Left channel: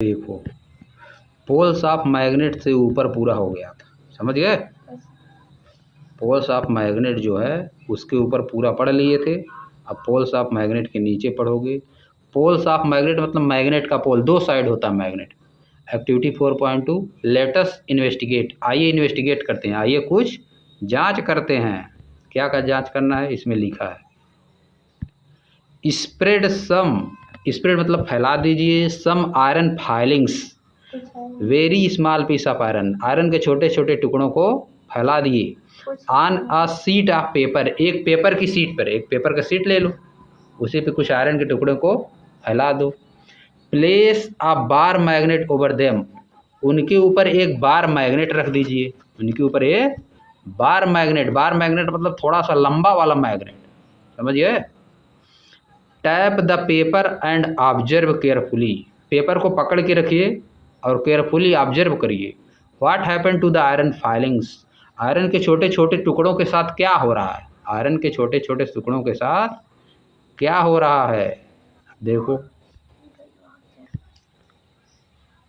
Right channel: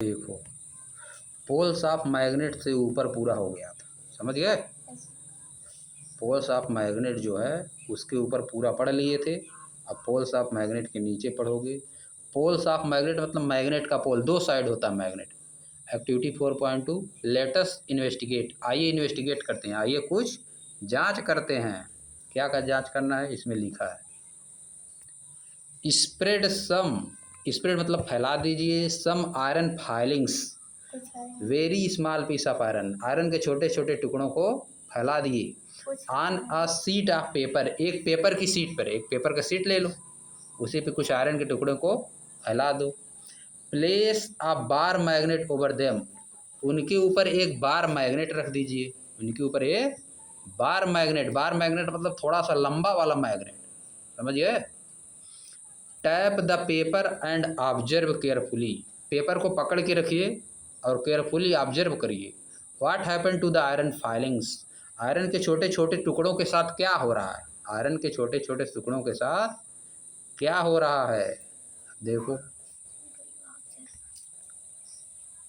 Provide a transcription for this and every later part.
देखो, poles of magnet से ऊपर पूरा हो गया था, समझ गए। पोल्स ऑफ मैग्नेट जो है उसके ऊपर पूरा पढ़ लिए थे। अब पोल्स ऑफ मैग्नेट के नीचे पढ़ोगे। पोल्स ऑफ मैग्नेट मतलब मैग्नेट का पोल, दो साइड होता है मैग्नेट। एक्टिविटी 4.2 लेटस इन्वेस्टिगेट, आइए इन्वेस्टिगेट करते हैं, आइए कुछ जांच करते हैं। क्या का जांच करना है इसमें लिखा है, स्प्रेड सम, स्प्रेड मतलब फैला दीजिए, some iron filings, very small piece of iron, iron के छोटे छोटे टुकड़ों को फैला दिए on a sheet of paper, एक पेपर की सीट पर, एक पेपर का सीट ले लो, उसी पे कुछ आयरन के टुकड़ों को फैला दो। प्लेस अ बार मैग्नेट ओवर देम, उनके ऊपर एक बार मैग्नेट रख दीजिए, उनके ऊपर एक बार मैग्नेट, बार मैग्नेट मतलब थोड़ा सा लंबा वाला मैग्नेट, समझिए। Tap the paper and observe carefully, paper को पकड़ के रखिए और केयरफुली ऑब्जर्व करिए। What happen to the iron filings, iron के छोटे छोटे टुकड़ों के साथ क्या हो रहा है, आयरन के छोटे छोटे टुकड़ों के साथ क्या हो रहा है, देखो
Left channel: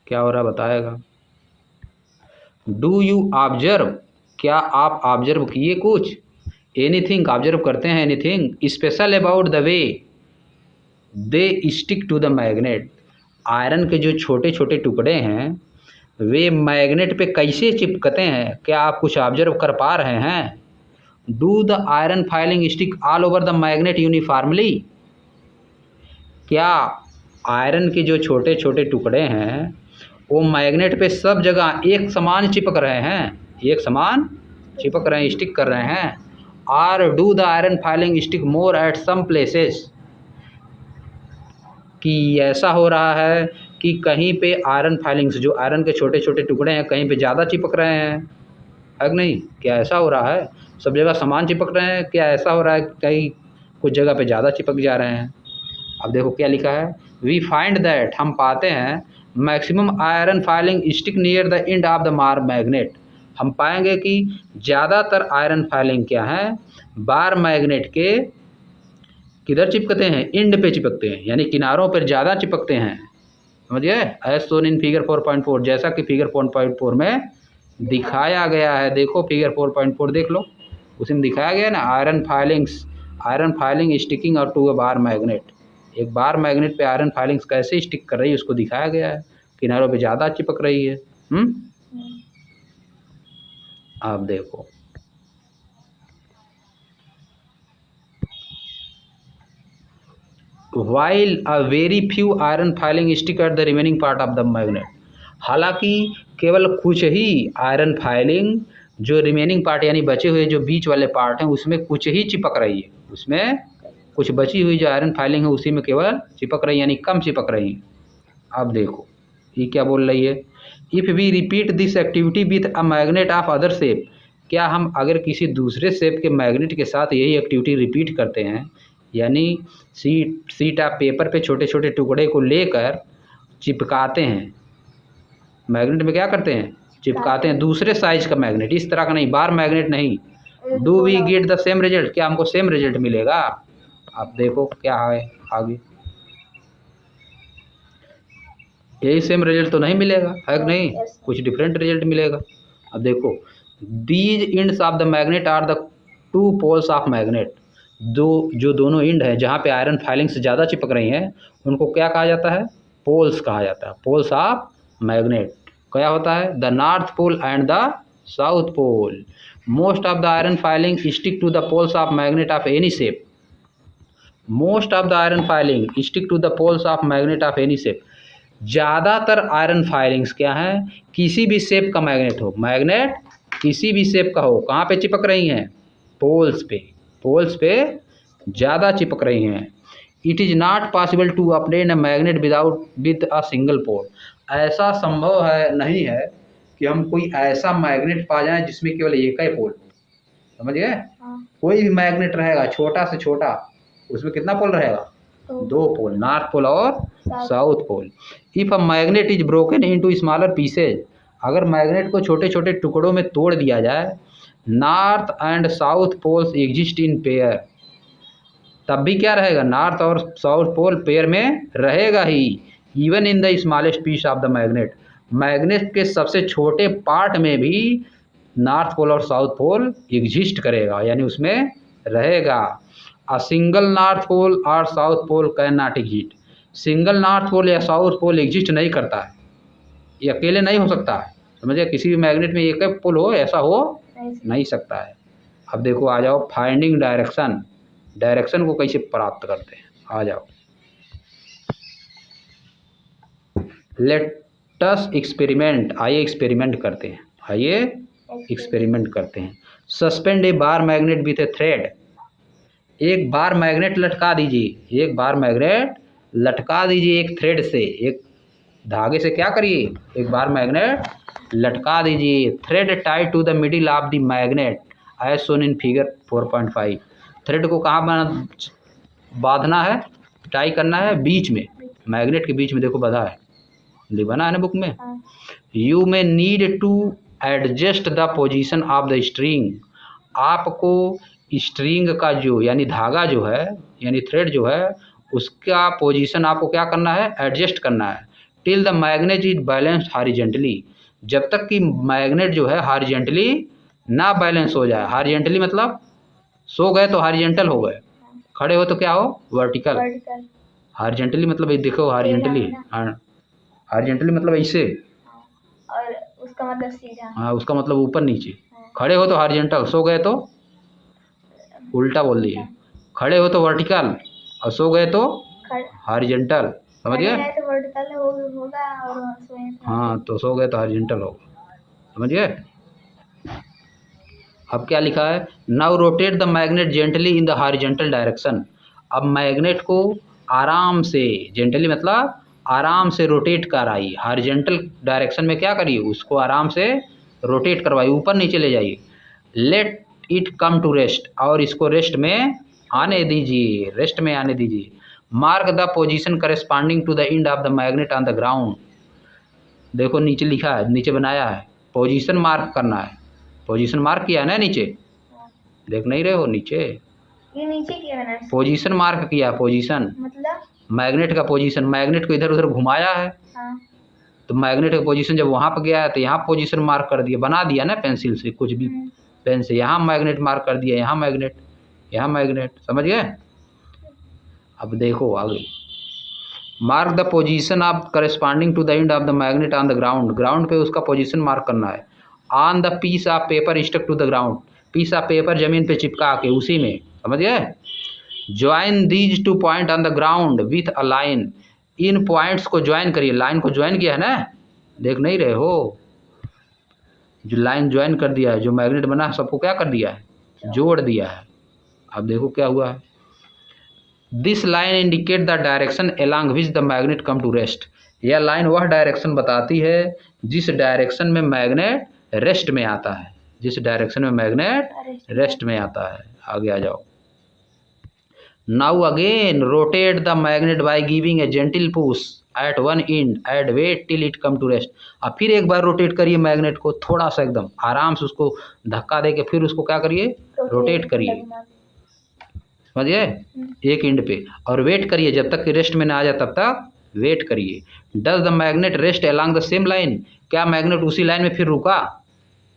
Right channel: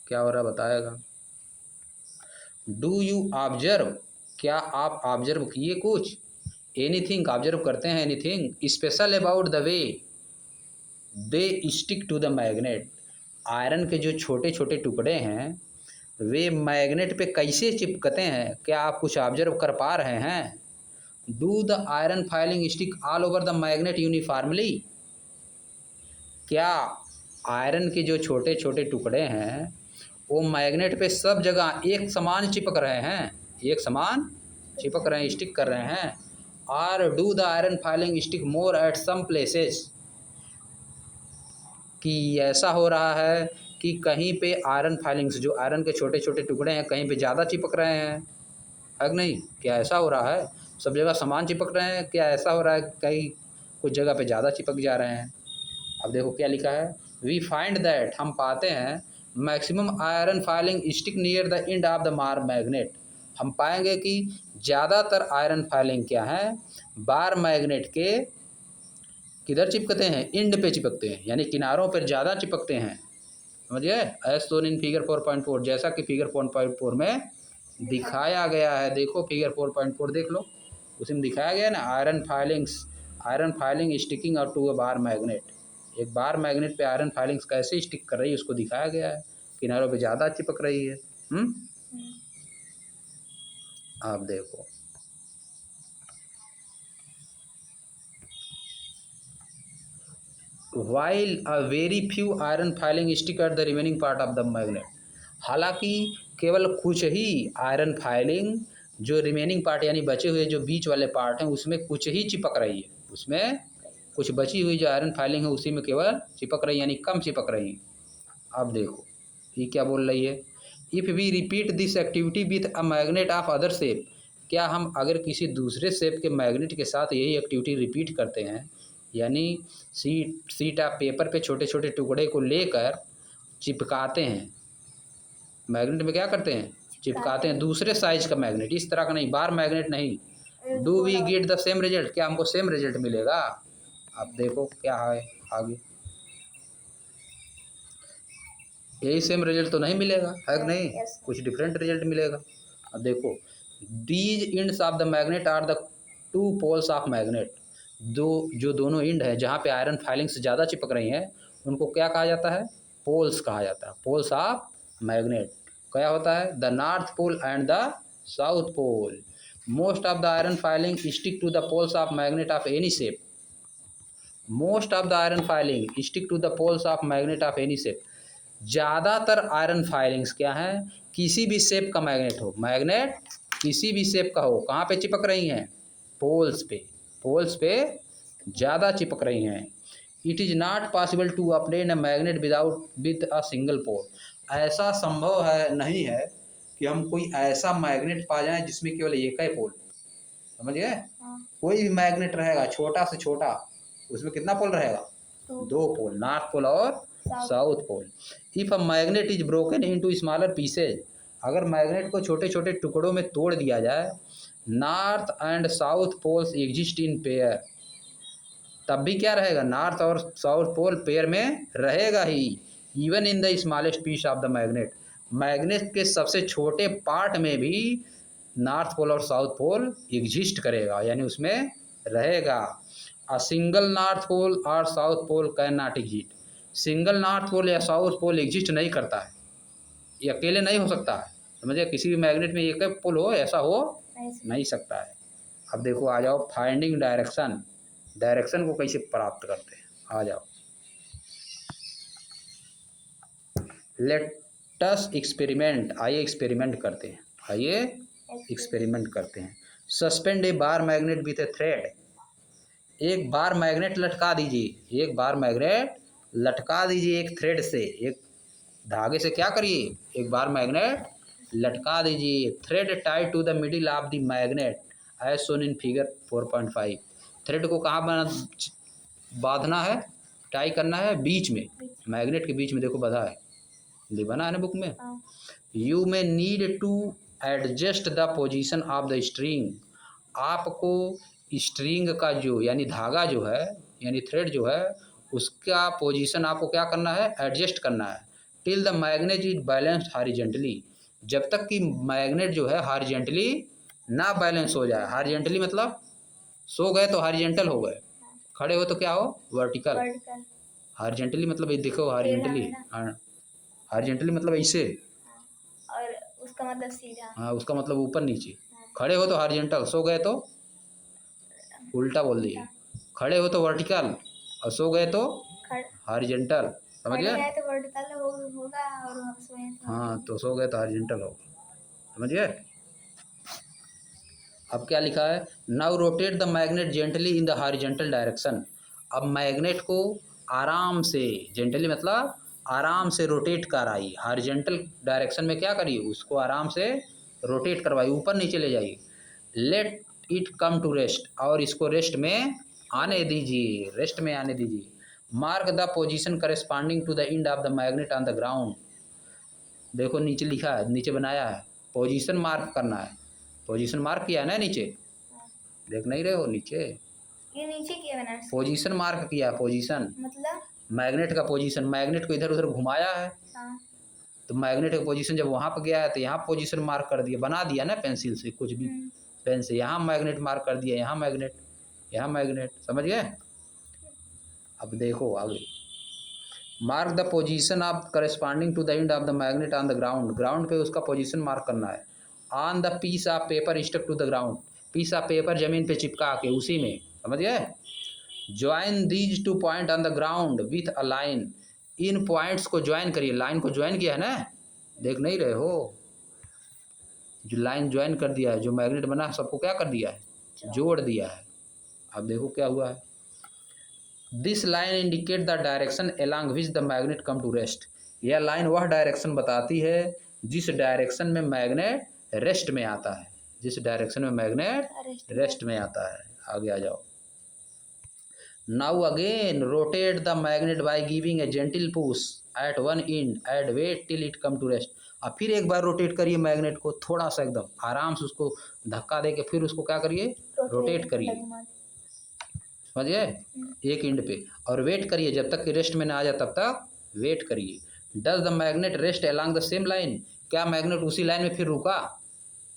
क्या हो रहा है बताएगा। डू यू ऑब्जर्व, क्या आप ऑब्जर्व किए कुछ, एनीथिंग ऑब्जर्व करते हैं, anything special about the way they stick to the magnet, iron के जो छोटे छोटे टुकड़े हैं वे मैग्नेट पे कैसे चिपकते हैं, क्या आप कुछ ऑब्जर्व कर पा रहे हैं। Do the iron filing stick all over the magnet uniformly, क्या आयरन के जो छोटे छोटे टुकड़े हैं वो मैग्नेट पे सब जगह एक समान चिपक रहे हैं, एक समान चिपक रहे हैं, स्टिक कर रहे हैं। Are do the iron filing stick more at some places, कि ऐसा हो रहा है कि कहीं पे आयरन फाइलिंग्स, जो आयरन के छोटे छोटे टुकड़े हैं कहीं पे ज़्यादा चिपक रहे हैं, है कि नहीं, क्या ऐसा हो रहा है, सब जगह समान चिपक रहे हैं, क्या ऐसा हो रहा है कहीं कुछ जगह पे ज़्यादा चिपक जा रहे हैं। अब देखो क्या लिखा है, वी फाइंड दैट, हम पाते हैं maximum iron filing stick near the end of the मार मैग्नेट, हम पाएंगे कि ज़्यादातर आयरन फाइलिंग क्या है, बार मैग्नेट के किधर चिपकते हैं, एंड पे चिपकते हैं, यानी किनारों पर ज़्यादा चिपकते हैं, समझिए। एज शोन इन फिगर 4.4, जैसा कि फिगर 4.4 में दिखाया गया है, देखो फिगर 4.4 देख लो, उसमें दिखाया गया है ना, iron filings, iron filing sticking और टू अ बार मैग्नेट, एक बार मैग्नेट पे आयरन फाइलिंग्स कैसे स्टिक कर रही है उसको दिखाया गया है, किनारों पे ज़्यादा चिपक रही है। आप देखो, while a very few iron filing stick at the remaining part of the magnet, हालांकि केवल कुछ ही आयरन फाइलिंग जो रिमेनिंग पार्ट यानी बचे हुए जो बीच वाले पार्ट हैं उसमें कुछ ही चिपक रही है, उसमें कुछ बची हुई जो आयरन फाइलिंग है उसी में केवल चिपक रही है, यानी कम चिपक रही है। अब देखो ये क्या बोल रही है, if we repeat this activity with a magnet of other shape, क्या हम अगर किसी दूसरे शेप के मैग्नेट के साथ यही एक्टिविटी रिपीट करते हैं, यानी सीट ऑफ पेपर पे छोटे छोटे टुकड़े को लेकर चिपकाते हैं, मैग्नेट में क्या करते हैं चिपकाते हैं, दूसरे साइज का मैग्नेट, इस तरह का नहीं, बार मैग्नेट नहीं, do we get the same result, क्या हमको सेम रिजल्ट मिलेगा। आप देखो क्या है आगे, यही सेम रिजल्ट तो नहीं मिलेगा, है कि नहीं, कुछ डिफरेंट रिजल्ट मिलेगा। अब देखो, these ends of the magnet are the two poles of magnet, दो जो दोनों इंड हैं जहाँ पे आयरन फाइलिंग से ज़्यादा चिपक रही हैं उनको क्या कहा जाता है, पोल्स कहा जाता है, पोल्स ऑफ मैग्नेट। क्या होता है, the north pole and the south pole, most of the iron filing stick to the poles of magnet of any shape, most of the iron filing stick to the poles of magnet of any shape, ज़्यादातर iron filings क्या हैं, किसी भी shape का magnet हो, magnet किसी भी shape का हो, कहाँ पे चिपक रही हैं, पोल्स पे, पोल्स पे ज़्यादा चिपक रही हैं। It is not possible to obtain a magnet without with a single pole, ऐसा संभव है नहीं है कि हम कोई ऐसा मैग्नेट पा जाएं जिसमें केवल एक ही पोल, समझ गए। कोई भी मैग्नेट रहेगा छोटा से छोटा उसमें कितना पोल रहेगा, दो पोल, नॉर्थ पोल और south pole. If a magnet is broken into smaller pieces, अगर मैग्नेट को छोटे छोटे टुकड़ों में तोड़ दिया जाए, north and south poles exist in pair, तब भी क्या रहेगा, नॉर्थ और साउथ पोल पेयर में रहेगा ही, even in the smallest piece of the magnet, magnet के सबसे छोटे पार्ट में भी नॉर्थ पोल और साउथ पोल एग्जिस्ट करेगा, यानी उसमें रहेगा। अ सिंगल नॉर्थ पोल और south pole can not exist, single north pole या साउथ पोल एग्जिस्ट नहीं करता है, ये अकेले नहीं हो सकता है, समझिए। किसी भी मैग्नेट में एक पोल हो, ऐसा हो नहीं सकता है। अब देखो, आ जाओ फाइंडिंग डायरेक्शन, डायरेक्शन को कैसे प्राप्त करते हैं, आ जाओ। लेट अस एक्सपेरिमेंट, आइए एक्सपेरिमेंट करते हैं, आइए एक्सपेरिमेंट करते हैं। Suspend A bar magnet with A thread, एक बार मैग्नेट लटका दीजिए, एक बार मैग्नेट लटका दीजिए एक थ्रेड से, एक धागे से क्या करिए, एक बार मैग्नेट लटका दीजिए। Thread tied to the middle of the magnet as shown in figure 4.5, thread को कहाँ बांधना है, टाई करना है, बीच में, मैग्नेट के बीच में, देखो बंधा है, बना है ना बुक में। You may need to adjust the position of the string, आपको स्ट्रिंग का जो यानी धागा जो है, यानी थ्रेड जो है, उसका पोजीशन आपको क्या करना है, एडजस्ट करना है। Till the magnet is balanced horizontally, जब तक कि मैग्नेट जो है हॉरिजेंटली ना बैलेंस हो जाए। हॉरिजेंटली मतलब सो गए तो हॉरिजेंटल हो गए, खड़े हो तो क्या हो, वर्टिकल। हॉरिजेंटली मतलब देखो, हॉरिजेंटली, हॉरिजेंटली मतलब ऐसे, और उसका मतलब सीधा, हाँ उसका मतलब ऊपर नीचे। खड़े हो तो हॉरिजेंटल, सो गए तो उल्टा बोल दिए, खड़े हो तो वर्टिकल और सो गए तो हॉरिजेंटल, समझ गए। तो वर्टिकल होगा और हाँ तो सो गए तो हॉरिजेंटल होगा, समझ गए। अब क्या लिखा है, now rotate the magnet gently in the horizontal direction, अब मैग्नेट को आराम से, जेंटली मतलब आराम से रोटेट कराइए, हॉरिजेंटल डायरेक्शन में क्या करिए, उसको आराम से रोटेट करवाइए, ऊपर नीचे ले जाइए। Let it come to rest, और इसको रेस्ट में आने दीजिए, रेस्ट में आने दीजिए। Mark the position corresponding to the end of the magnet on the ground, देखो नीचे लिखा है, नीचे बनाया है, पोजीशन मार्क करना है, पोजीशन मार्क किया है ना नीचे, देख नहीं रहे हो नीचे, ये नीचे किया मैंने, पोजीशन मार्क किया, पोजीशन मतलब मैग्नेट का पोजीशन, मैग्नेट को इधर उधर घुमाया है, हाँ। तो मैग्नेट का पोजीशन जब वहाँ पर गया है तो यहाँ पोजीशन मार्क कर दिया, बना दिया ना पेंसिल से, कुछ भी पेन से, यहाँ मैग्नेट मार्क कर दिया, यहाँ मैग्नेट, यहाँ मैग्नेट, समझ गए। अब देखो आगे, mark the position of corresponding to the end of the magnet on the ground, ground पे उसका पोजीशन मार्क करना है। On the piece of paper stuck to the ground, piece of paper जमीन पे चिपका के, उसी में, समझ गए। Join these two points on the ground with a line, इन पॉइंट्स को ज्वाइन करिए, लाइन को ज्वाइन किया है ना, देख नहीं रहे हो, जो लाइन ज्वाइन कर दिया है, जो मैग्नेट बना है सबको क्या कर दिया है, जोड़ दिया है। अब देखो क्या हुआ है, this line indicate the direction along which the magnet come to rest, यह लाइन वह डायरेक्शन बताती है जिस डायरेक्शन में मैग्नेट रेस्ट में आता है, जिस डायरेक्शन में मैग्नेट रेस्ट में आता है। आगे आ जाओ। Now again rotate the magnet by giving a gentle push at one end and wait till it come to rest, अब फिर एक बार रोटेट करिए मैग्नेट को, थोड़ा सा एकदम आराम से उसको धक्का दे के फिर उसको क्या करिए, रोटेट करिए, समझिए, एक एंड पे, और वेट करिए जब तक कि रेस्ट में ना आ जाए, तब तक वेट करिए। Does the magnet rest along the same line, क्या मैग्नेट उसी लाइन में फिर रुका,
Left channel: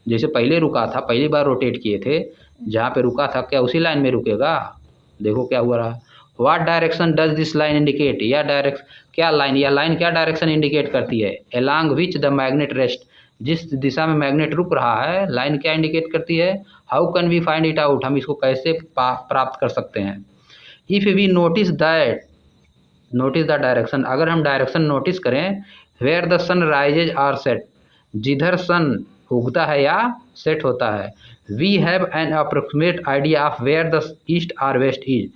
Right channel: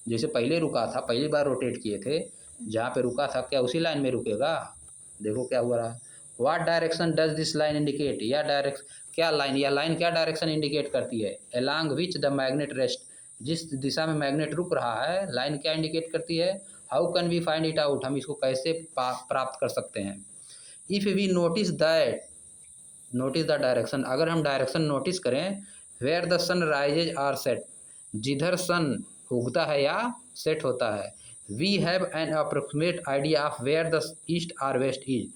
जैसे पहले रुका था, पहली बार रोटेट किए थे जहाँ पे रुका था, क्या उसी लाइन में रुकेगा, देखो क्या हुआ रहा। What direction does this line indicate, या डायरेक्शन, क्या लाइन, यह लाइन क्या डायरेक्शन इंडिकेट करती है, along which the magnet rest, जिस दिशा में मैग्नेट रुक रहा है, लाइन क्या इंडिकेट करती है। How can we find it out, हम इसको कैसे प्राप्त कर सकते हैं। If we notice that, notice the direction, अगर हम डायरेक्शन नोटिस करें, where the sun rises or set, जिधर सन उगता है या सेट होता है, we have an approximate idea of where the east और वेस्ट इज,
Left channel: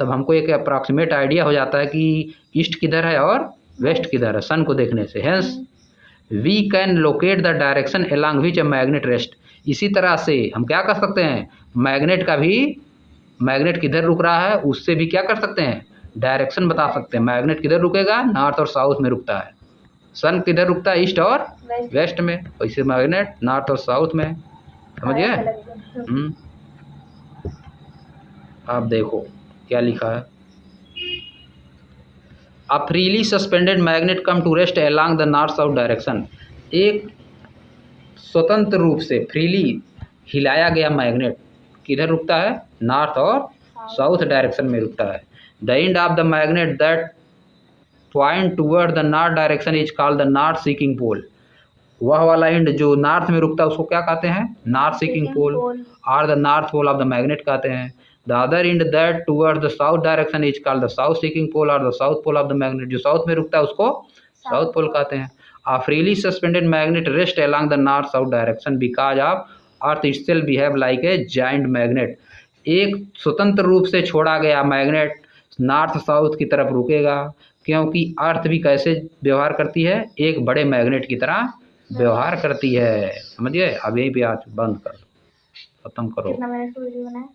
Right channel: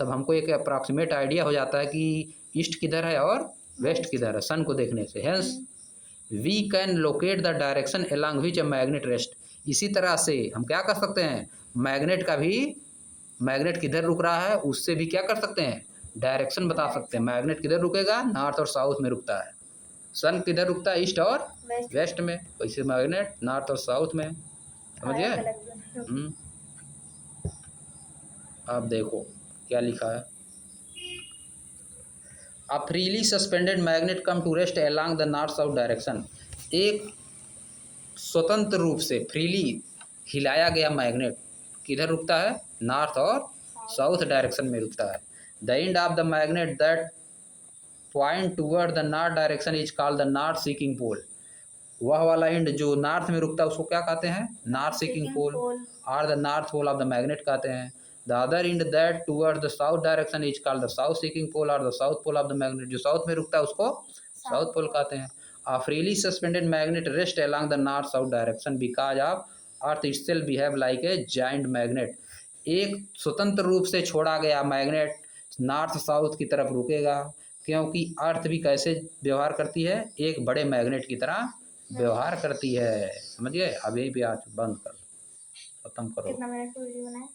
तब हमको एक अप्रॉक्सीमेट आइडिया हो जाता है कि ईस्ट किधर है और वेस्ट किधर है, सन को देखने से। Hence we can locate the direction along which a magnet rest, इसी तरह से हम क्या कर सकते हैं, मैग्नेट का भी, मैग्नेट किधर रुक रहा है उससे भी क्या कर सकते हैं, डायरेक्शन बता सकते हैं। मैग्नेट किधर रुकेगा, नॉर्थ और साउथ में रुकता है, सन किधर रुकता है, ईस्ट और वेस्ट में, वैसे मैग्नेट नॉर्थ और साउथ में, समझिए। आप देखो क्या लिखा है, a freely suspended magnet come to rest along the north south direction. एक स्वतंत्र रूप से फ्रीली हिलाया गया मैग्नेट किधर रुकता है? नॉर्थ और साउथ डायरेक्शन में रुकता है। The end of the magnet that point toward the north direction is called the north seeking pole. वह वाला एंड जो नॉर्थ में रुकता है उसको क्या कहते हैं? नॉर्थ सीकिंग पोल और the north pole of the magnet कहते हैं। The other end that toward the south direction is called the south seeking pole और the south pole of the magnet. जो साउथ में रुकता है उसको साउथ पोल कहते हैं। A freely suspended magnet rests along the north-south direction because of Earth itself behave like a giant magnet। एक स्वतंत्र रूप से छोड़ा गया मैग्नेट नॉर्थ साउथ की तरफ रुकेगा क्योंकि अर्थ भी कैसे व्यवहार करती है? एक बड़े मैग्नेट की तरह व्यवहार करती है। समझिए? अब यहीं पे आज बंद कर दो, खत्म करो। कितना मिनट वीडियो बनाए?